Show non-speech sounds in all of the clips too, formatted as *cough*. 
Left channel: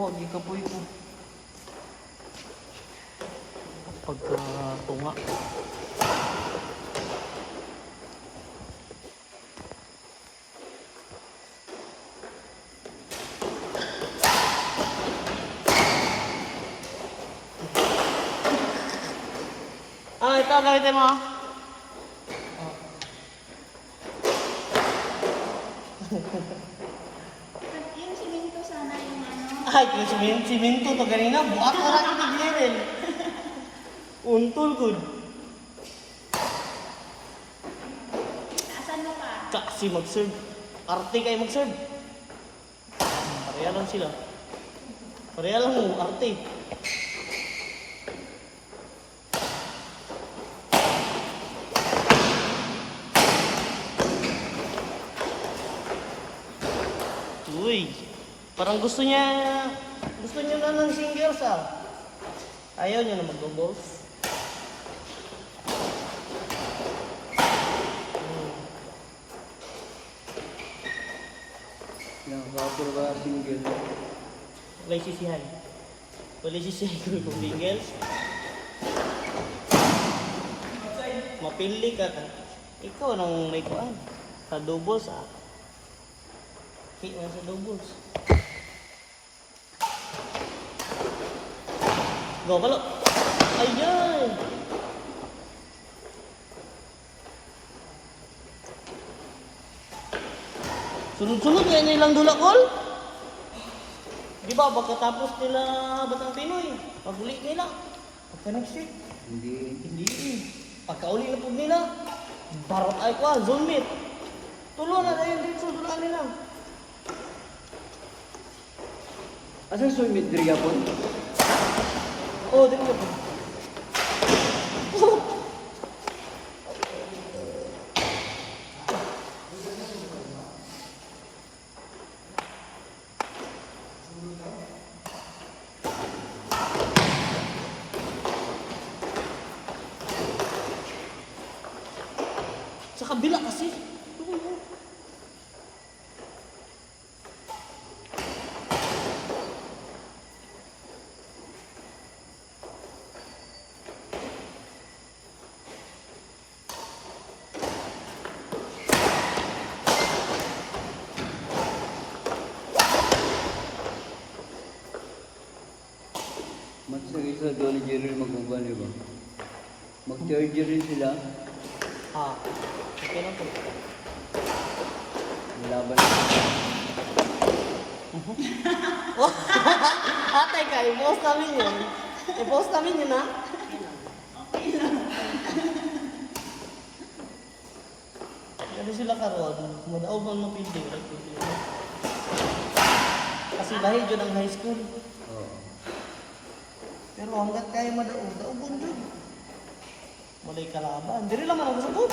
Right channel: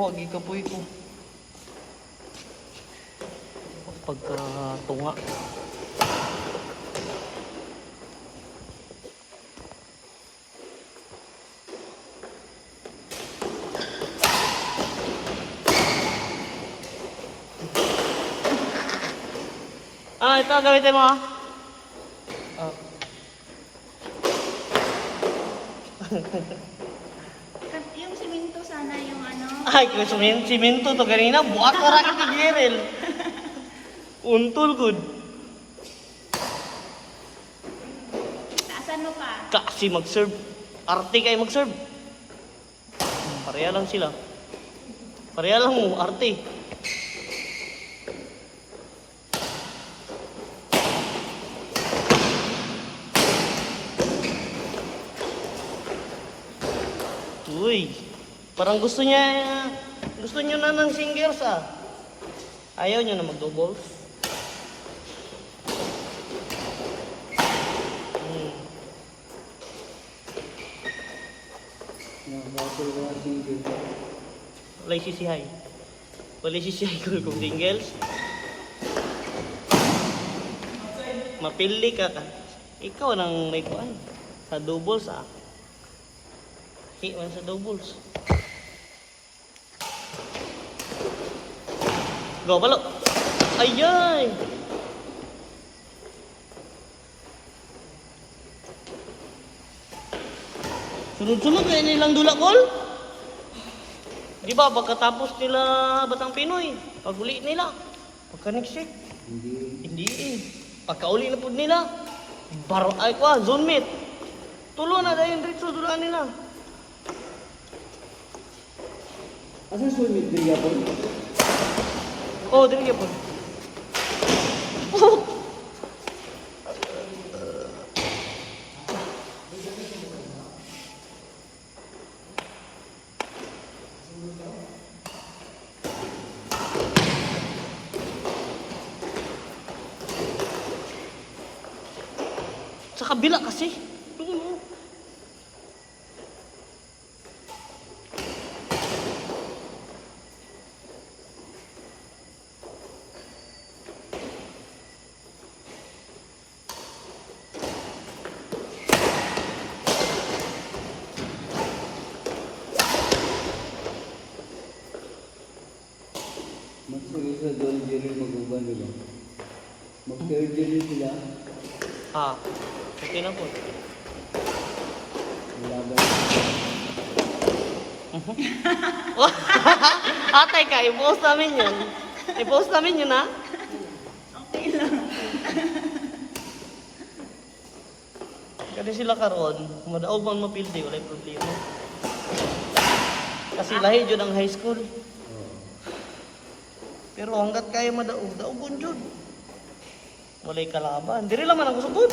Ako, gikapoy ko. Pagka tunga. Ah, ito gamitin mo ah. Ah. At yung siminto sana yung ano. Ay, kung simen simento to kanina, buhat na raket ni Jerel. Untol good. Asan mo ka? Kasi mag-serve. Arte kayo mag-serve. Pareha lang sila. Pareha lang mo, arte. Uy, parang gusto niya, gusto niyo na ng singles ah. Ayaw niyo na mag-doubles. Hmm. Walay sisihay. Walay sisihay ko kung singles. Mapili ka ka. Ikaw nang may kuan. Sa doubles ah. Hit man sa doubles. Go, balo. Ayan. Sunod-sunod yan nilang dulakol. Di ba, pagkatapos nila Batang Pinoy, pag-uli nila, pagka-next week, Hindi. hindi eh. Pagka-uli na po nila, barot ay ko ah, zone meet. Tulo na dahil dito dulaan nila. Asan swimming diri po? Oh, din ka po. Sa kabila kasi. Tingnan mo. Jerry maguban, di ba? Rin sila. Ah, okay na po. Laban. Atay *laughs* ka, i-post namin yun. I-post namin yun, ha? Kasi sila karon, madaog man mapildi, wala problema. Kasi lahi yun ang high school. Pero hanggat kaya madaog, daogon yun. Walay kalaban. Diri lang man ang kusubot.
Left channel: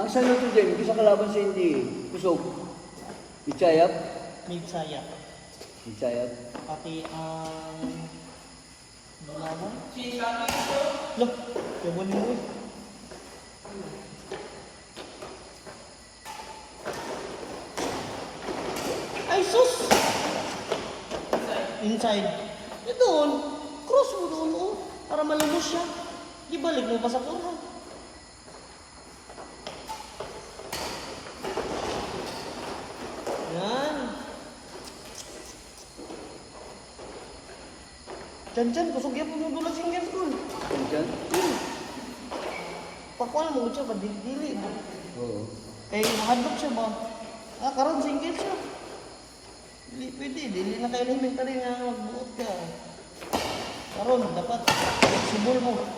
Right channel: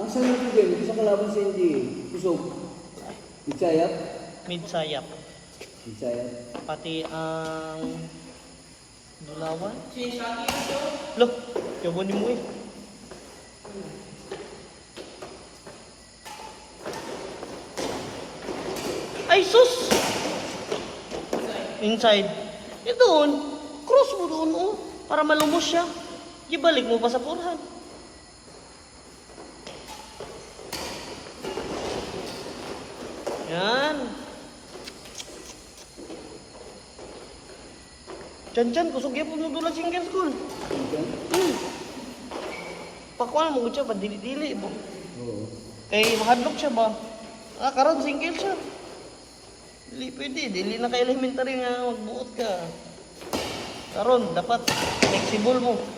Ang sa'yo ito din, sa kalaban sa hindi, kusog. Ichayap? Mid-sayap. Ichayap. Pati ang... Dulawan? Loh, yawan mo eh. Ay, sus! Inside. Eh doon, cross mo doon, oh. Para malumos siya. Ibalik mo pa sa kurhan. Yan. Diyan, diyan. Kusog yan po mo doon single school. Diyan? Hmm. Pakuan mo siya ba? Dili-dili. ba? Oo. Kay hadlock siya ba? Ah, karon single siya. Dili pwede. Dili na ka elementary nga magbuot ka. Karon dapat flexible mo.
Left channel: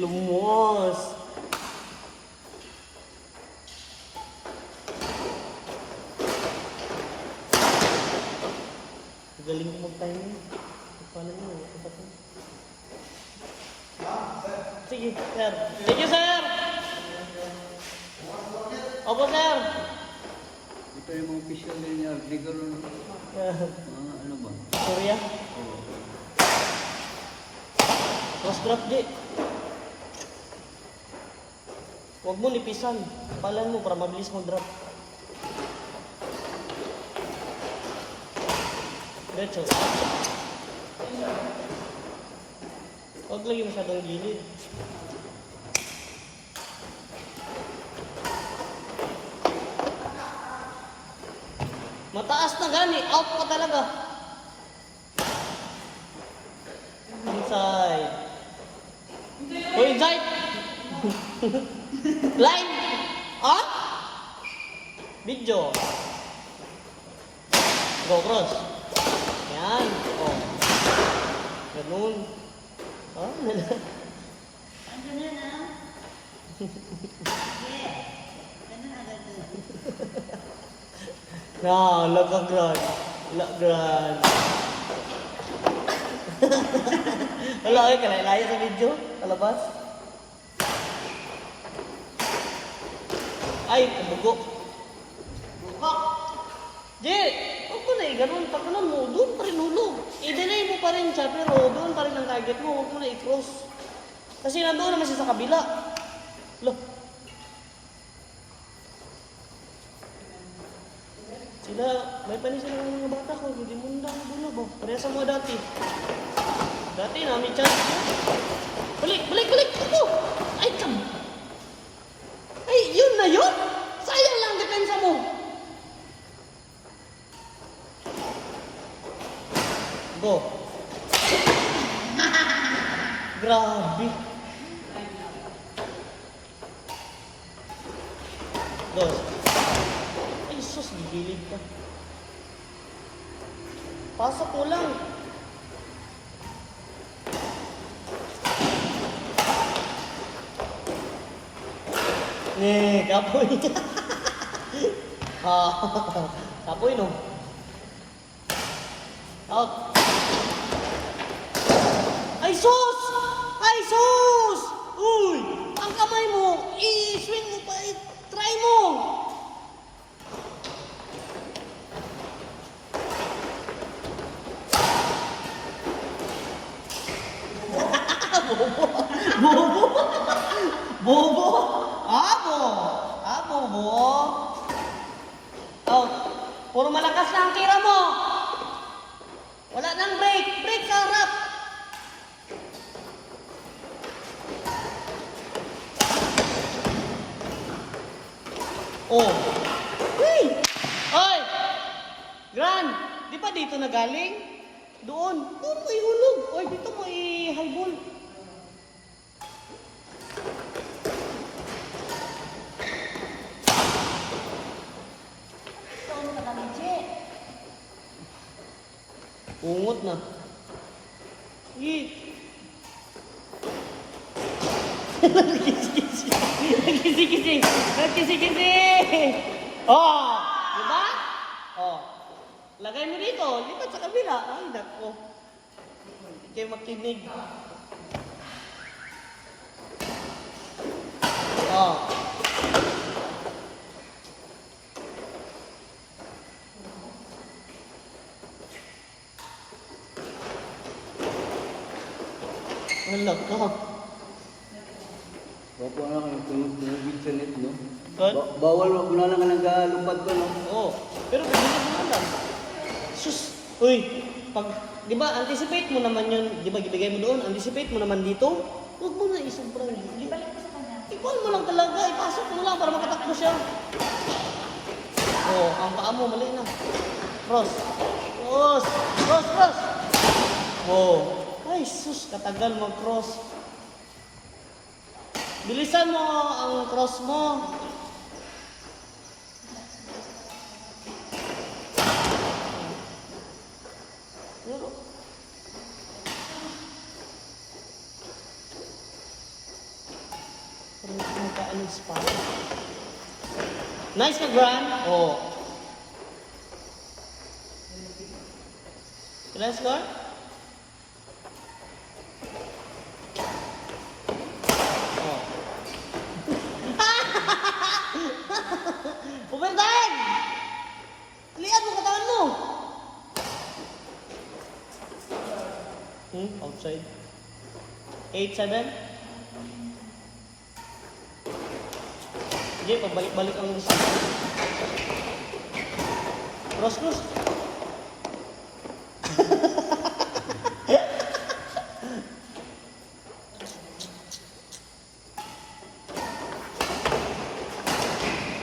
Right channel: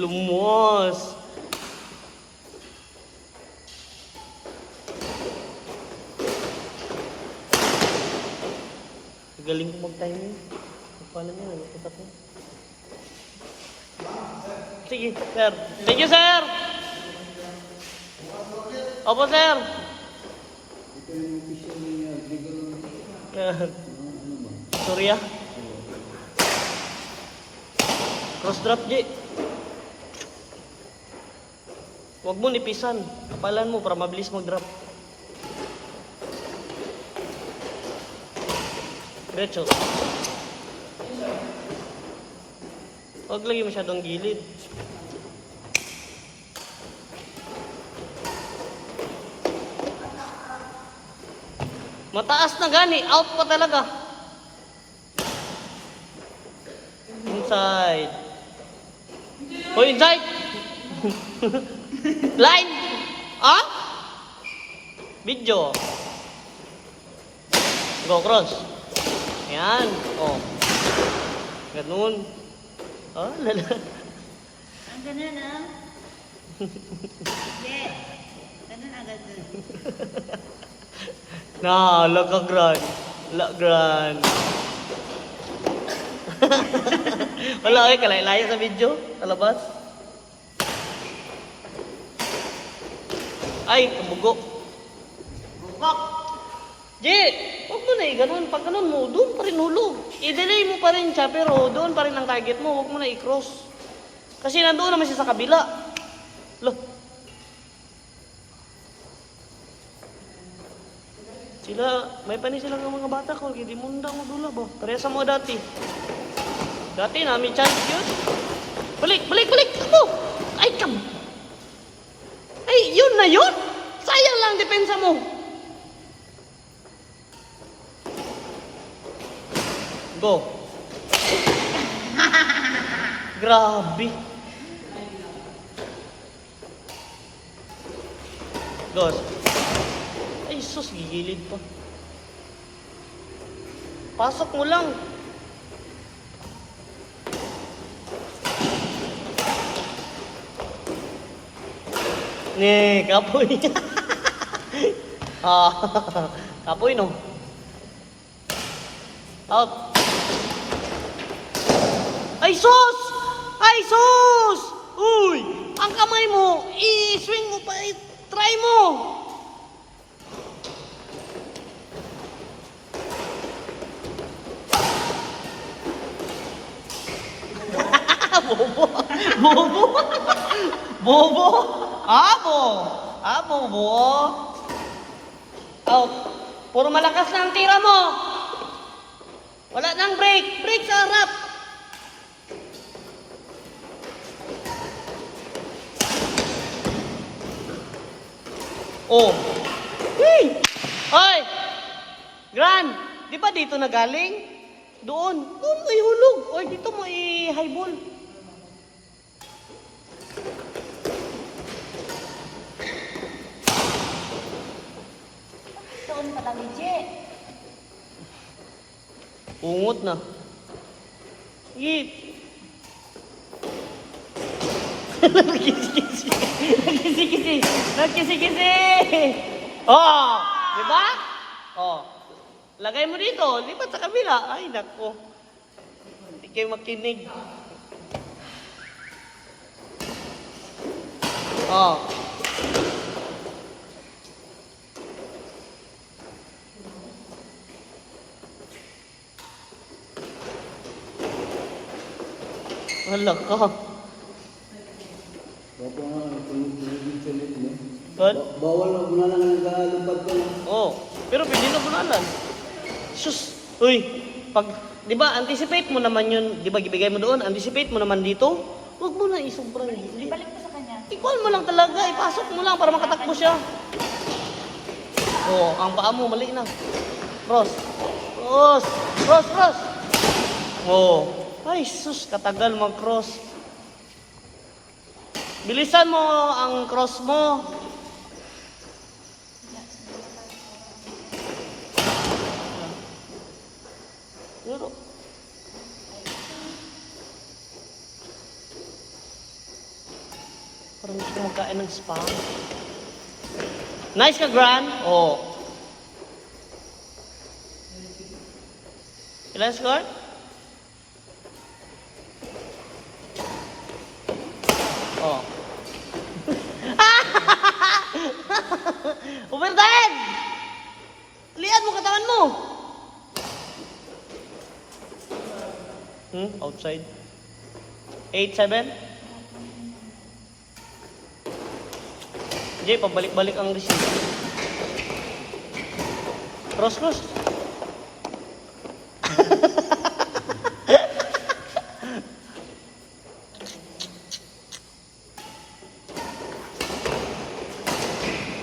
Lumos. Galing ko mag-timing. Paano mo? Ano ko Sige, sir. Thank you, sir! Opo, sir! Ito yung mga official niya, legal. Ano ba? Cross drop, G. Huwag mo nipisan. Palan mo para mabilis mo drop. Diretso. Huwag lagi masyadong gilid. Mataas na gani. Out ka talaga. Inside. Oh, inside. *laughs* Line. Ah? Video. Go cross. Yan. Oh. Ganun. Ah, *laughs* lala. Ang ganun ah. Yeah. Ganun agad dun. Na, *laughs* laka grand. La grand. Wala okay, kalay-layo sa video. Talabas. Ay, kabugo. Bukak! J, huwag mo na eh, ganun. Pag ganun mo, doon pa rin hulog. I-delay mo pa rin siya, pero doon pa rin ang target mo. Huwag mo na i-cross. Kasi nandoon naman siya sa kabila. Loh. Sila, may panis sila ng mga bata ko, hindi mo nda mo dulo ba? Parehas mo dati. Dati namin chance yun. Balik, balik, balik! Ano? Ay, kam! Ay, yun na yun! Sayang lang depensa mo! Go! Grabe! Dos. Ay, sus, gigilid ka. Pasok mo lang. Ni, kapoy. *laughs* ah, kapoy no. Out. Ang kamay mo, i-swing mo pa, i-try mo! Bobo! Bobo! Bobo! Abo! Ah, bobo! Oh, puro malakas na ang tira mo! Wala nang break! Break sa! Oh! Hey! Hoy! Gran! Di ba dito na galing? Doon. Doon may hulog. Oy, dito may high ball. Tuon ka lang, Je. Ungot na. Yip. Kisi-kisi. Kisi-kisi. Kisi-kisi. Oh! Di ba? Oh. Lagay mo dito. Lipat sa kabila. Ay, nako. Hindi kayo makinig. Oh. Wala ka. Opo na kayo, tumigil sa net niya. What? Ba- Bawal mo na lang nagkalupad ko lang. Oh, pero pwede na bunalan. Sus, uy, pag, di ba, anticipate mo naman yun, di ba, gibigay mo doon, anticipate mo naman dito, huwag mo na isobrang gili. Balik mo sa kanya. Ikaw mo lang talaga, ipasok mo lang para makatakbo siya. Oh, ang paa mo, mali na. Cross. Cross. Cross, cross. Oh. Ay, sus, katagal mag-cross. Bilisan mo ang cross mo. Pero, Parang gusto kong kain ng spa. Nice ka, Gran? Oo. Ilan score? Oh. Overtime! Lian mo katawan mo! Hmm? Outside. 8-7? Jay, pabalik-balik ang receive. Cross, *laughs* cross.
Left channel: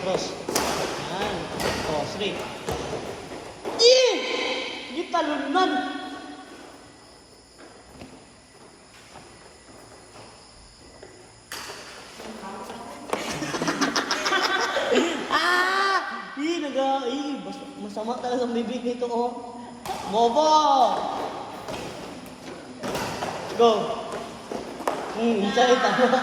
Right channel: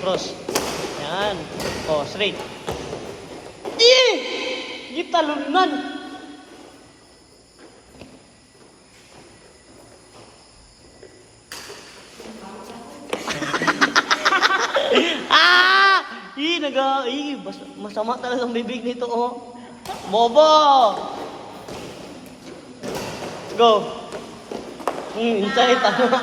Cross. Yan. Oh, straight. Eh! Gitalunan! ah! Ih, naga... Ih, mas, masama talaga ang bibig nito, oh. Bobo! Go! Hmm, inside, tama.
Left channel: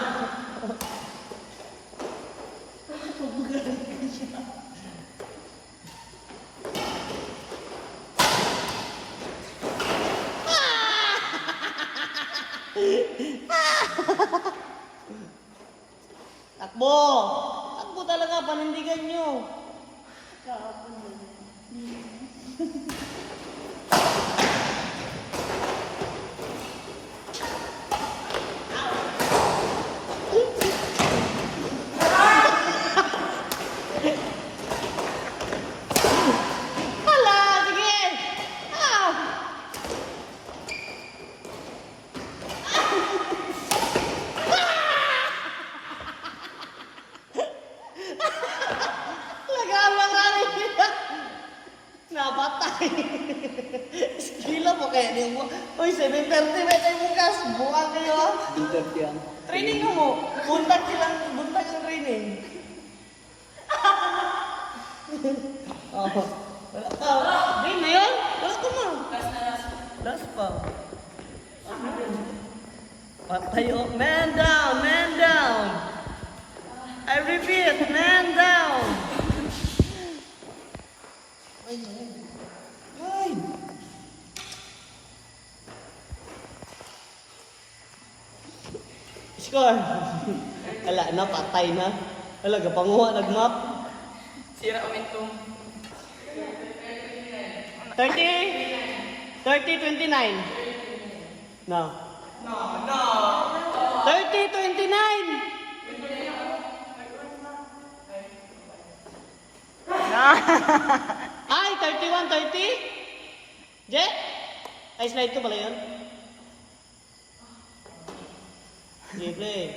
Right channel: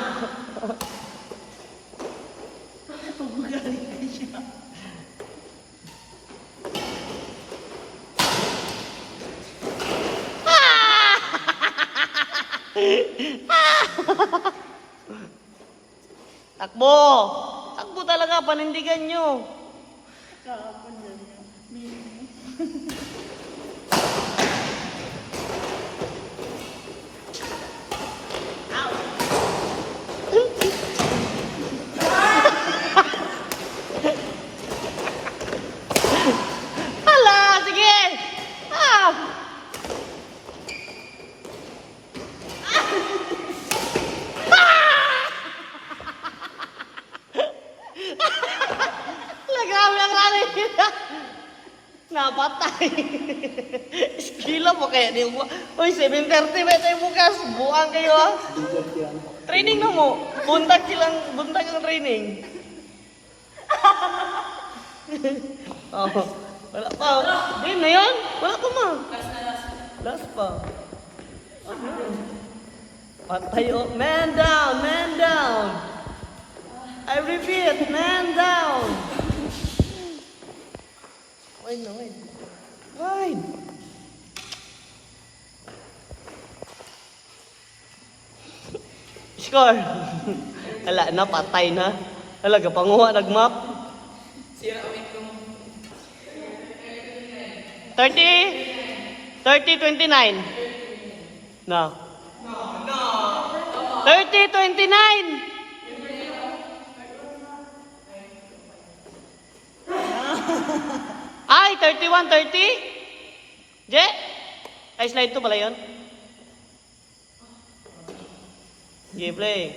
Takbo! Takbo talaga, panindigan nyo. Kahapon Uy, 7.30 ba tayo bukas? Buang kayo. Training na mo. Buntag silang, buntag ang training. *laughs* oh, wala pa. Di na yun. Wala pa ma. Last pa. Patay. Man down, man down. I repeat, man down. Wait na, wait. Wait. Score. Ala na, patay na. Ala, gapanguha, nagmap. Sira ulit tong 30? 30, 29. Na. No, no. 30, 29. Ay, 31, 30? Je? Ay, slide to pala yun? Sige, play.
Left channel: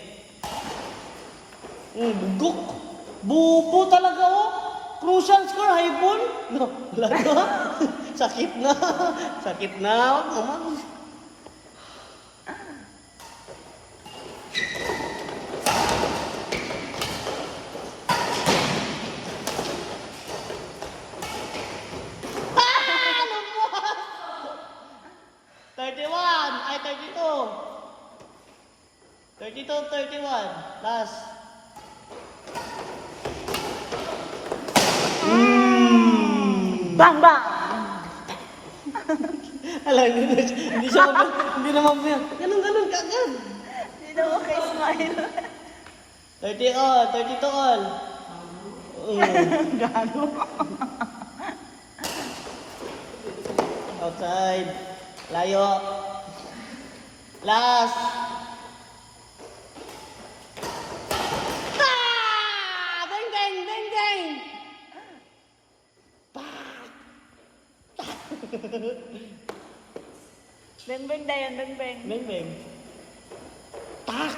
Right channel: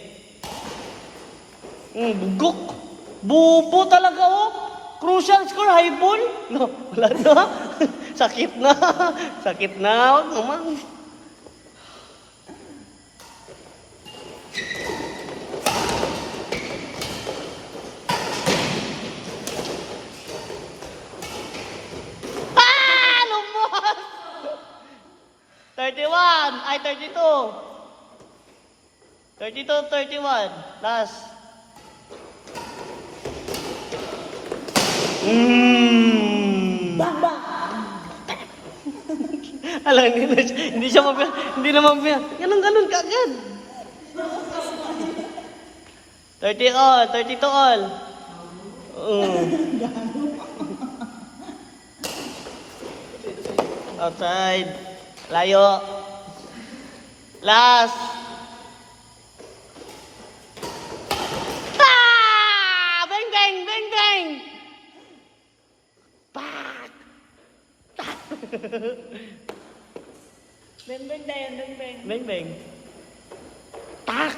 Mm, bugok. Bubo talaga, oh. Crucial score, high ball. No, wala na. *laughs* Sakit na. *laughs* Sakit na. Huwag naman. Ah! Lumos! 31. *laughs* Ay, 32. 32, 31. Last. Mm. Bang, bang! *laughs* Alam, hindi, na, siya- hindi siya mabila. Hindi na mabila. Ganun, ganun, kagad. Hindi na ako kay smile. 30 all, 32 all. Mm. *laughs* Outside. Layo. Last. เบ่งเบ่งแดงเบ่งเบ่งเบ่งเบ่งตัก